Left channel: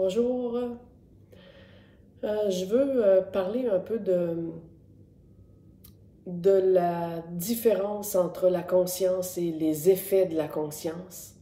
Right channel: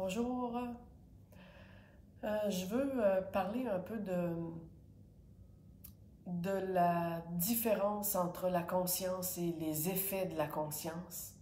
Bonjour. Je veux parler un peu de la différence entre la conscience et les effets de la conscience.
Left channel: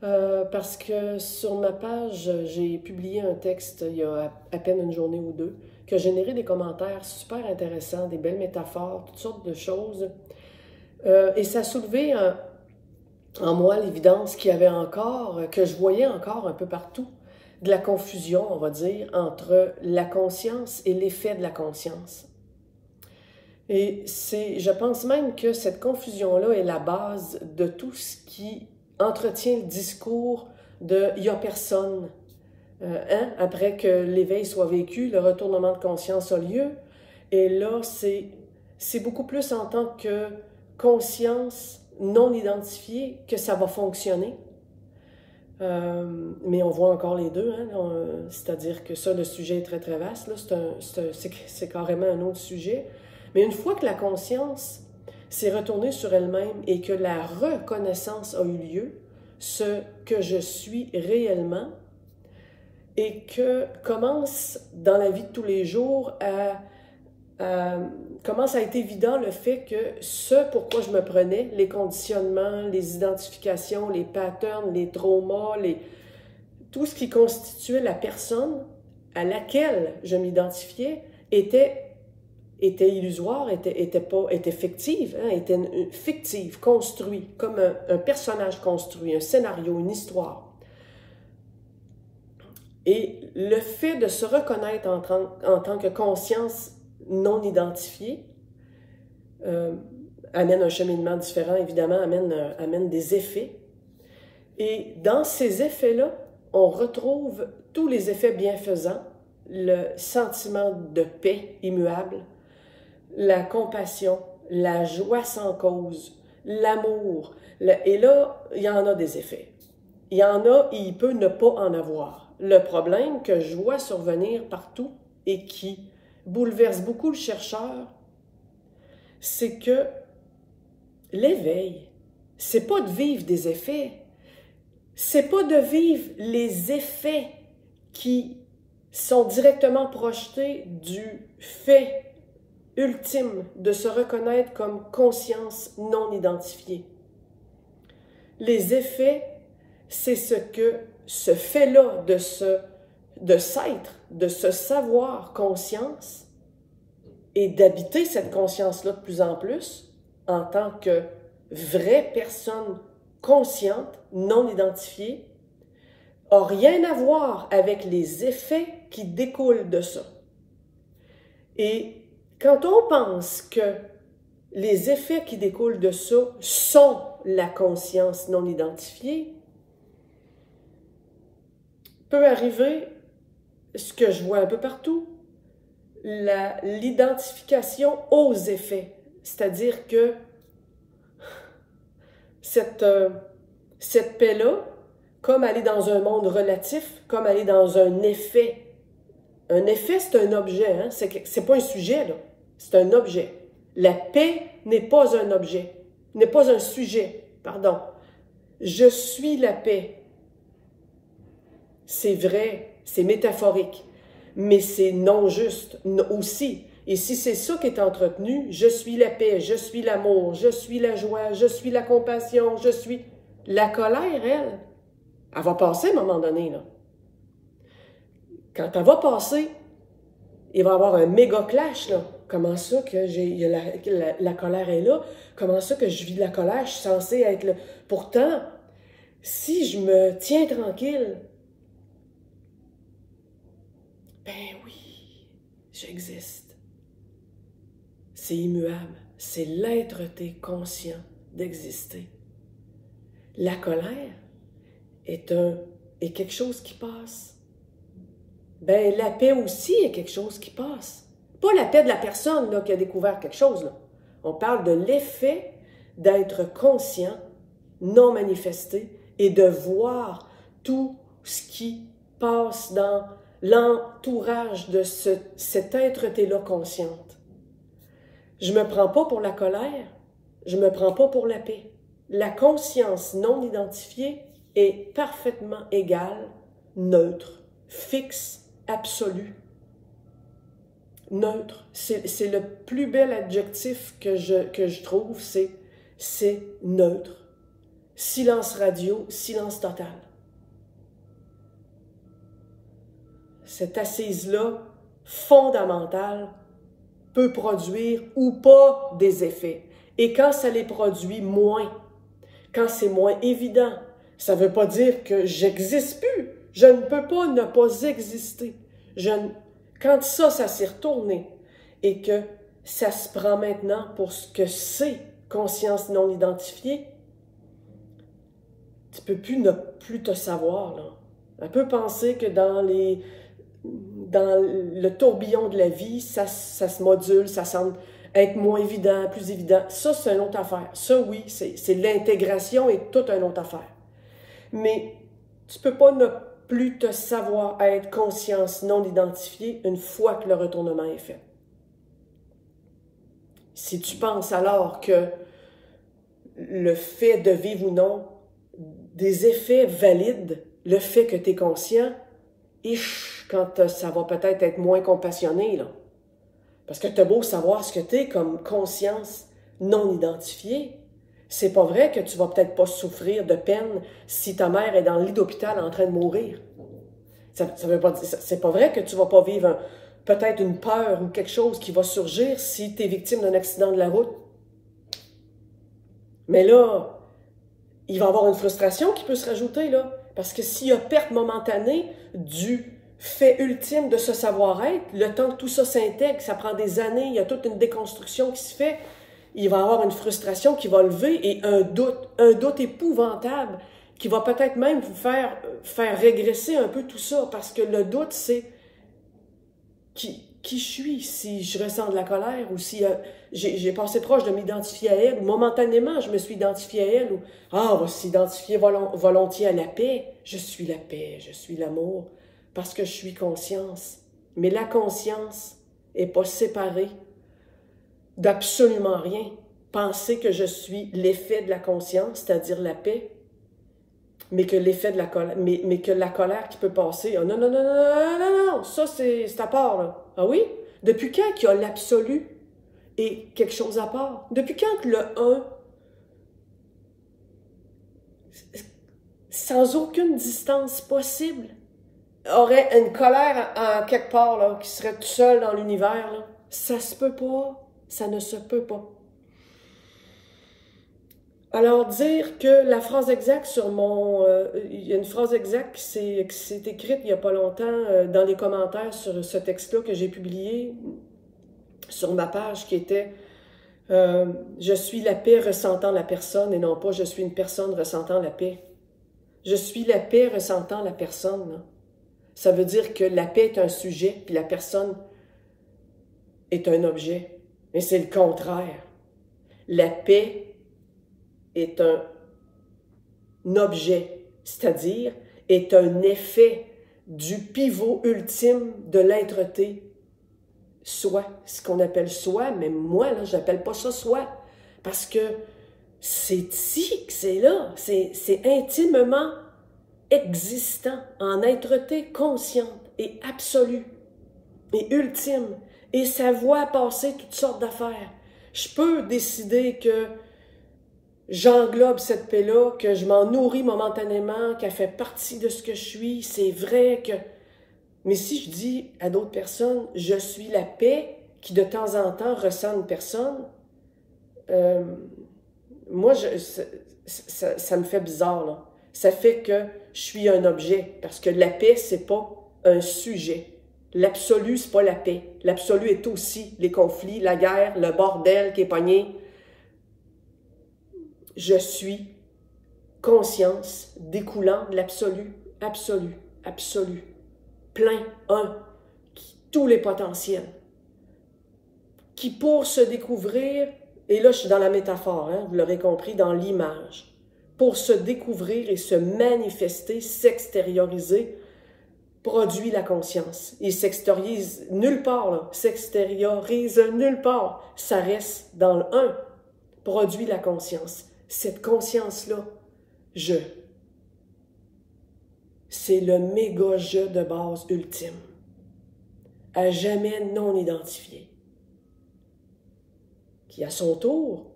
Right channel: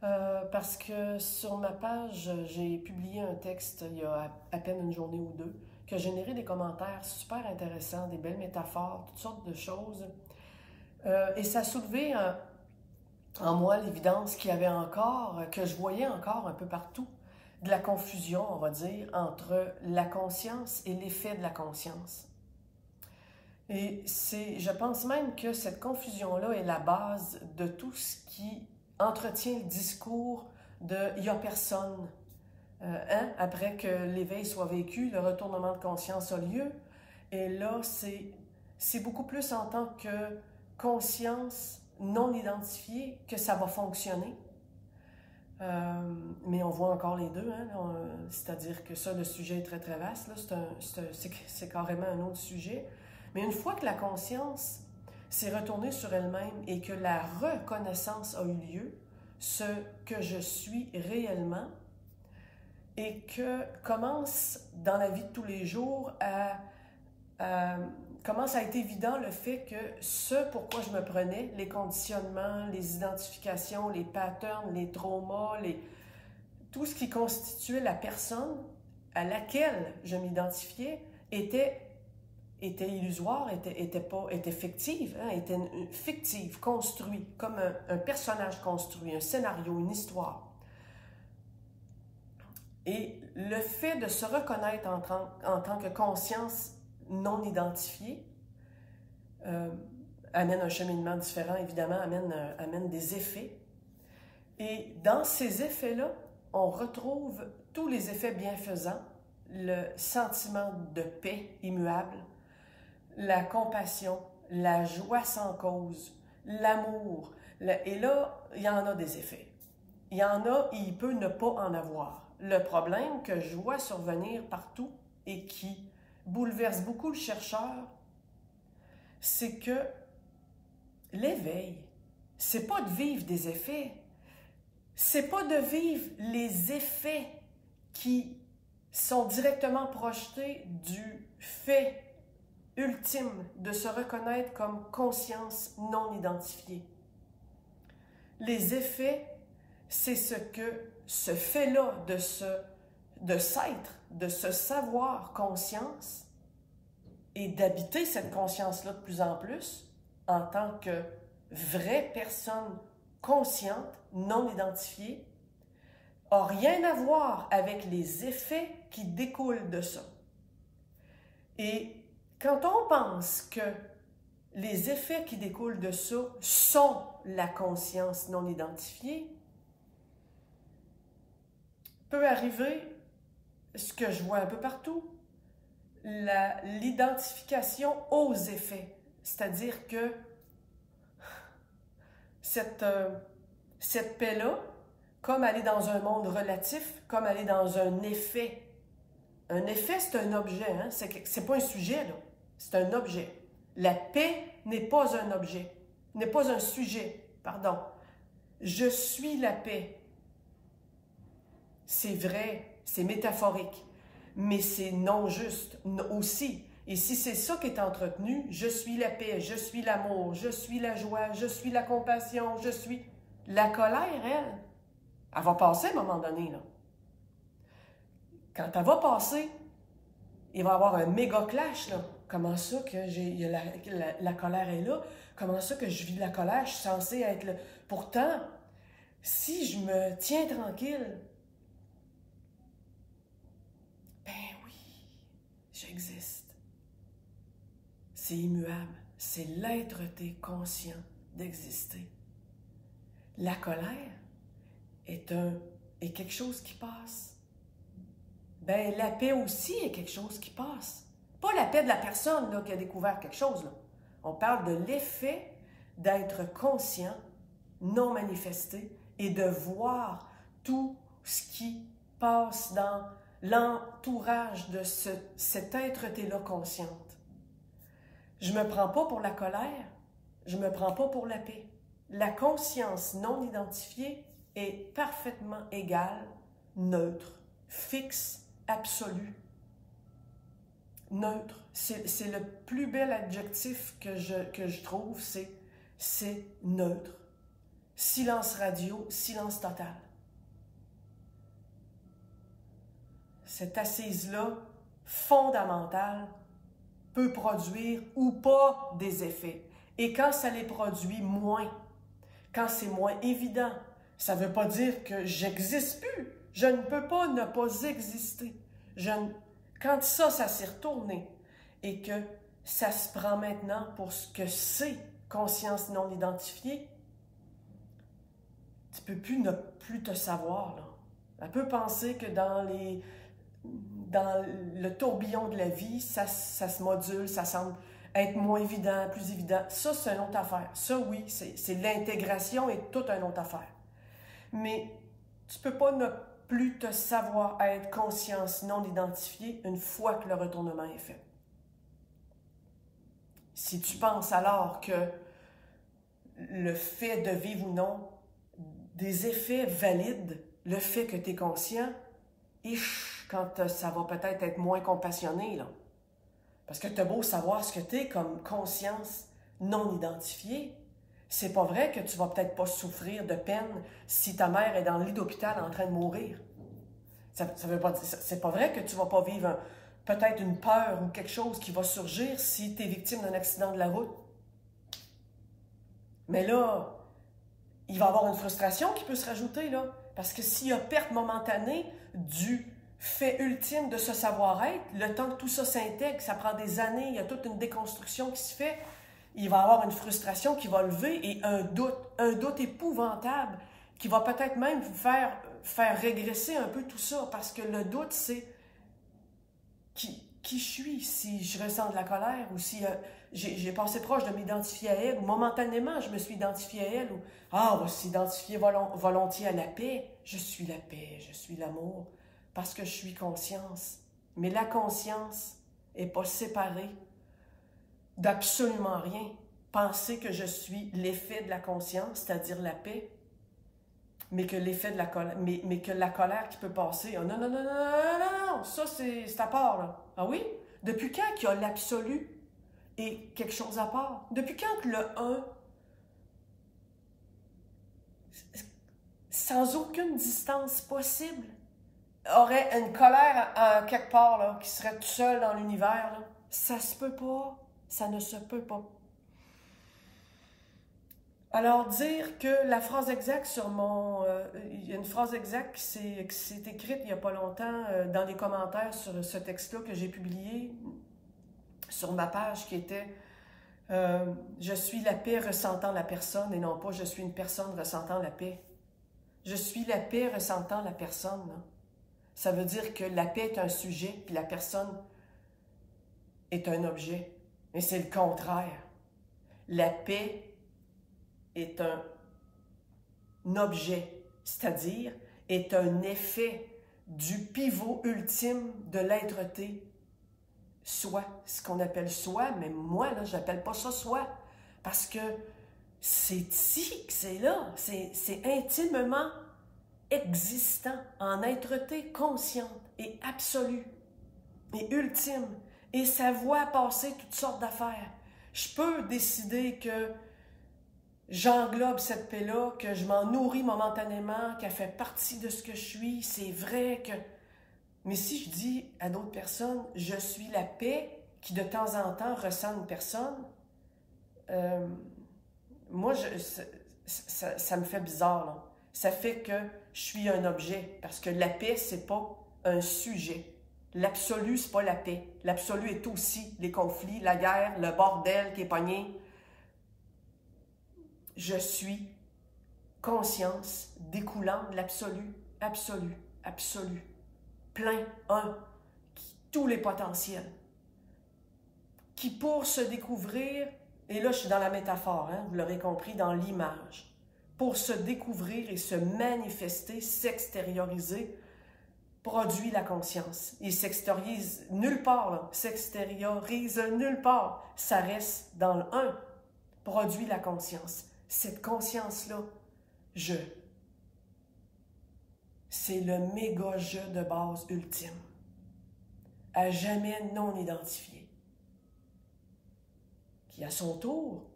Parce que sur ma page, j'ai publié un texte il y a à peine une journée ou deux qui a généré des commentaires super intéressants, des belles métaphores, toutes sortes de choses. Et ça a soulevé en moi l'évidence qu'il y avait encore, que je voyais encore un peu partout, de la confusion, on va dire, entre la conscience et l'effet de la conscience. Et je pense même que cette confusion-là est la base de tout ce qui entretient le discours de « il n'y a personne ». Après que l'éveil soit vécu, le retournement de conscience a lieu. Et là, c'est beaucoup plus en tant que conscience non identifiée que ça va fonctionner. Mais on voit encore les deux, c'est-à-dire que ça, le sujet est très très vaste, c'est carrément un autre sujet. Mais une fois que la conscience s'est retournée sur elle-même et que la reconnaissance a eu lieu, ce que je suis réellement, et que commence dans la vie de tous les jours commence à être évident le fait que ce pourquoi je me prenais, les conditionnements, les identifications, les patterns, les traumas, tout ce qui constituait la personne à laquelle je m'identifiais était illusoire, était fictive, était fictive, construit, comme un personnage construit, un scénario, une histoire. Et le fait de se reconnaître en tant que conscience non identifiée amène un cheminement différent, évidemment, amène des effets. Et dans ces effets-là, on retrouve tous les effets bienfaisants, le sentiment de paix immuable, la compassion, la joie sans cause, l'amour. Et là, il y en a des effets. Il y en a et il peut ne pas en avoir. Le problème que je vois survenir partout et qui bouleverse beaucoup le chercheur, c'est que l'éveil, c'est pas de vivre des effets, c'est pas de vivre les effets qui sont directement projetés du fait ultime de se reconnaître comme conscience non identifiée. Les effets, c'est ce fait-là de s'être, de se savoir conscience et d'habiter cette conscience-là de plus en plus en tant que vraie personne consciente, non identifiée, n'a rien à voir avec les effets qui découlent de ça. Et quand on pense que les effets qui découlent de ça sont la conscience non identifiée, peut arriver ce que je vois un peu partout, l'identification aux effets. C'est-à-dire que cette paix-là, comme aller dans un monde relatif, comme aller dans un effet. Un effet, c'est un objet, hein? C'est pas un sujet, là. C'est un objet. La paix n'est pas un objet, n'est pas un sujet, pardon. Je suis la paix. C'est vrai, c'est métaphorique, mais c'est non juste aussi. Et si c'est ça qui est entretenu, je suis la paix, je suis l'amour, je suis la joie, je suis la compassion, je suis... La colère, elle va passer à un moment donné, là. Quand elle va passer, il va y avoir un méga clash, là. Comment ça que la colère est là? Comment ça que je vis de la colère? Je suis censée être là. Pourtant, si je me tiens tranquille, ben oui, j'existe. C'est immuable. C'est l'être-té conscient d'exister. La colère est quelque chose qui passe. Ben, la paix aussi est quelque chose qui passe. Pas la paix de la personne là, qui a découvert quelque chose. Là. On parle de l'effet d'être conscient, non manifesté, et de voir tout ce qui passe dans l'entourage de cet être-té-là consciente. Je ne me prends pas pour la colère, je ne me prends pas pour la paix. La conscience non identifiée est parfaitement égale, neutre. fixe, absolu, neutre. C'est le plus bel adjectif que je trouve, c'est neutre. Silence radio, silence total. Cette assise-là, fondamentale, peut produire ou pas des effets. Et quand ça les produit moins, quand c'est moins évident, ça ne veut pas dire que j'existe plus. Je ne peux pas ne pas exister. Quand ça s'est retourné et que ça se prend maintenant pour ce que c'est conscience non identifiée, tu ne peux plus ne plus te savoir, là. Elle peut penser que dans le tourbillon de la vie, ça se module, ça semble être moins évident, plus évident. Ça, c'est une autre affaire. Ça, oui, c'est l'intégration et toute une autre affaire. Mais tu ne peux pas ne plus te savoir être conscience non identifiée une fois que le retournement est fait. Si tu penses alors que le fait de vivre ou non des effets valident le fait que tu es conscient, quand ça va peut-être être moins compassionné, là. Parce que tu as beau savoir ce que tu es comme conscience non identifiée, c'est pas vrai que tu vas peut-être pas souffrir de peine si ta mère est dans le lit d'hôpital en train de mourir. C'est pas vrai que tu vas pas vivre peut-être une peur ou quelque chose qui va surgir si tu es victime d'un accident de la route. Mais là, il va y avoir une frustration qui peut se rajouter, là. Parce que s'il y a perte momentanée du fait ultime de ce savoir-être, le temps que tout ça s'intègre, ça prend des années, il y a toute une déconstruction qui se fait, il va y avoir une frustration qui va lever et un doute épouvantable qui va peut-être même vous faire régresser un peu tout ça, parce que le doute, c'est qui je suis, si je ressens de la colère ou si j'ai passé proche de m'identifier à elle, ou momentanément je me suis identifié à elle, ou on va s'identifier volontiers à la paix. Je suis la paix, je suis l'amour, parce que je suis conscience. Mais la conscience n'est pas séparée d'absolument rien. Penser que je suis l'effet de la conscience, c'est-à-dire la paix, mais que l'effet de la colère, mais que la colère qui peut passer, non, non, non, non, non, non, non, ça c'est à part, là. Ah oui? Depuis quand qu'il y a l'absolu et quelque chose à part? Depuis quand que le un, sans aucune distance possible, aurait une colère en quelque part, là, qui serait tout seul dans l'univers, là? Ça se peut pas. Ça ne se peut pas. Alors, dire que la phrase exacte sur mon... il y a une phrase exacte qui s'est écrite il n'y a pas longtemps dans les commentaires sur ce texte-là que j'ai publié sur ma page qui était « Je suis la paix ressentant la personne » et non pas « Je suis une personne ressentant la paix ». Je suis la paix ressentant la personne, là. Ça veut dire que la paix est un sujet puis la personne est un objet. Mais c'est le contraire. La paix est un objet, c'est-à-dire est un effet du pivot ultime de l'être-té. Soi, ce qu'on appelle soi, mais moi, là, je n'appelle pas ça soi, parce que c'est ici que c'est là, c'est intimement existant, en être-té consciente et absolue et ultime, et ça voit passer toutes sortes d'affaires. Je peux décider que j'englobe cette paix-là, que je m'en nourris momentanément, qu'elle fait partie de ce que je suis, c'est vrai que... Mais si je dis à d'autres personnes, je suis la paix qui de temps en temps ressent une personne, moi, ça me fait bizarre, là. Ça fait que je suis un objet, parce que la paix, c'est pas un sujet. L'absolu, c'est pas la paix. L'absolu est aussi les conflits, la guerre, le bordel qui est pogné. Je suis conscience découlant de l'absolu, absolu, absolu, plein, un, tous les potentiels, qui pour se découvrir, et là je suis dans la métaphore, hein, vous l'aurez compris, dans l'image, pour se découvrir et se manifester, s'extérioriser, produit la conscience. Il s'extériorise nulle part, là. S'extériorise nulle part. Ça reste dans le un, produit la conscience. Cette conscience-là, je. c'est le méga jeu de base ultime, à jamais non identifié, qui à son tour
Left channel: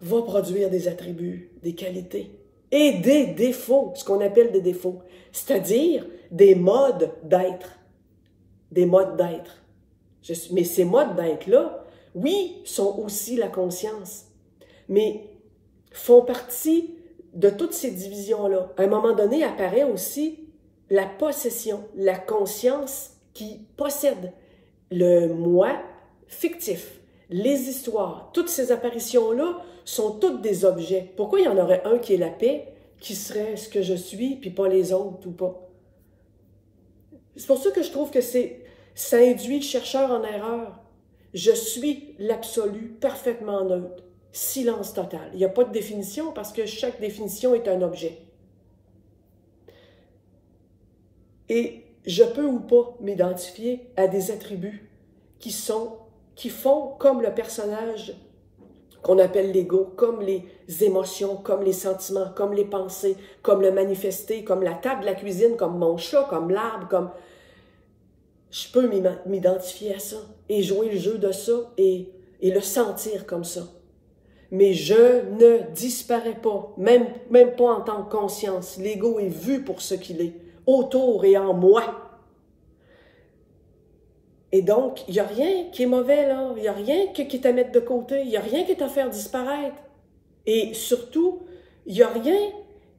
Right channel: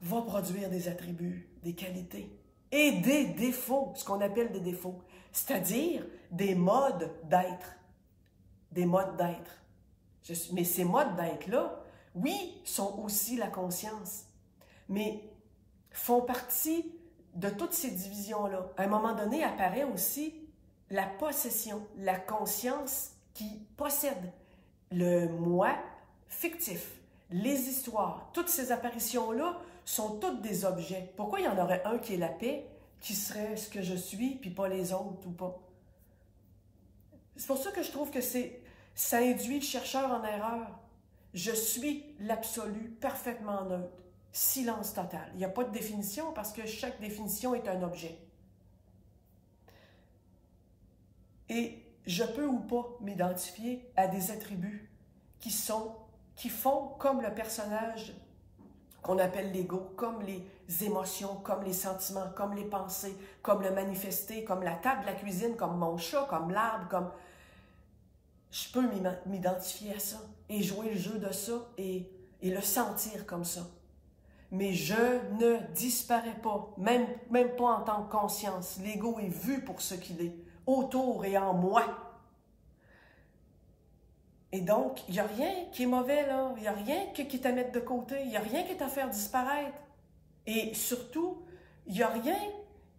va produire des attributs, des qualités et des défauts, ce qu'on appelle des défauts, c'est-à-dire des modes d'être. Des modes d'être. Mais ces modes d'être-là, oui, sont aussi la conscience, mais font partie de toutes ces divisions-là. À un moment donné, apparaît aussi la possession, la conscience qui possède le moi fictif, les histoires. Toutes ces apparitions-là sont toutes des objets. Pourquoi il y en aurait un qui est la paix, qui serait ce que je suis, puis pas les autres ou pas? C'est pour ça que je trouve que ça induit le chercheur en erreur. Je suis l'absolu parfaitement neutre. Silence total. Il n'y a pas de définition parce que chaque définition est un objet. Et je peux ou pas m'identifier à des attributs qui font comme le personnage qu'on appelle l'ego, comme les émotions, comme les sentiments, comme les pensées, comme le manifester, comme la table de la cuisine, comme mon chat, comme l'arbre, comme... Je peux m'identifier à ça et jouer le jeu de ça et le sentir comme ça. Mais je ne disparais pas, même pas en tant que conscience. L'ego est vu pour ce qu'il est, autour et en moi. Et donc, il n'y a rien qui est mauvais, là. Il n'y a rien qui est à mettre de côté. Il n'y a rien qui est à faire disparaître. Et surtout, il n'y a rien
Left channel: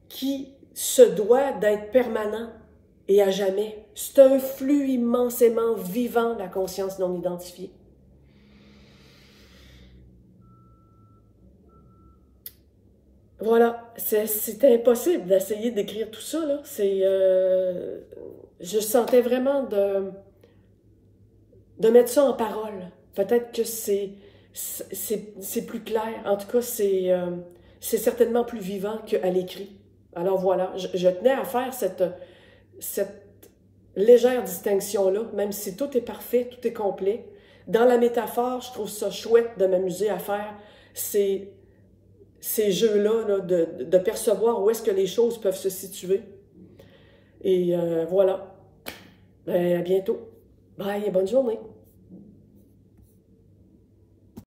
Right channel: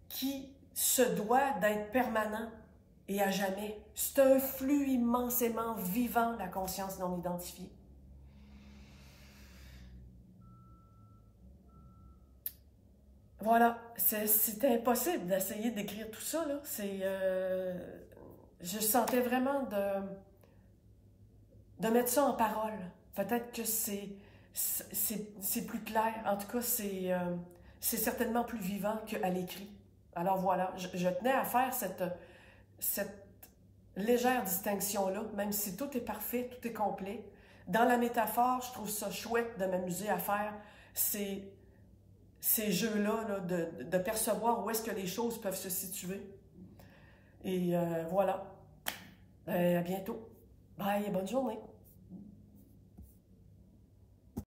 qui se doit d'être permanent et à jamais. C'est un flux immensément vivant, la conscience non identifiée. Voilà, c'était impossible d'essayer d'écrire tout ça, là. Je sentais vraiment de mettre ça en parole. Peut-être que c'est plus clair. En tout cas, c'est certainement plus vivant qu'à l'écrit. Alors voilà, je tenais à faire cette légère distinction-là, même si tout est parfait, tout est complet. Dans la métaphore, je trouve ça chouette de m'amuser à faire ces jeux-là, là, de percevoir où est-ce que les choses peuvent se situer. Et voilà. Ben, à bientôt. Bye et bonne journée.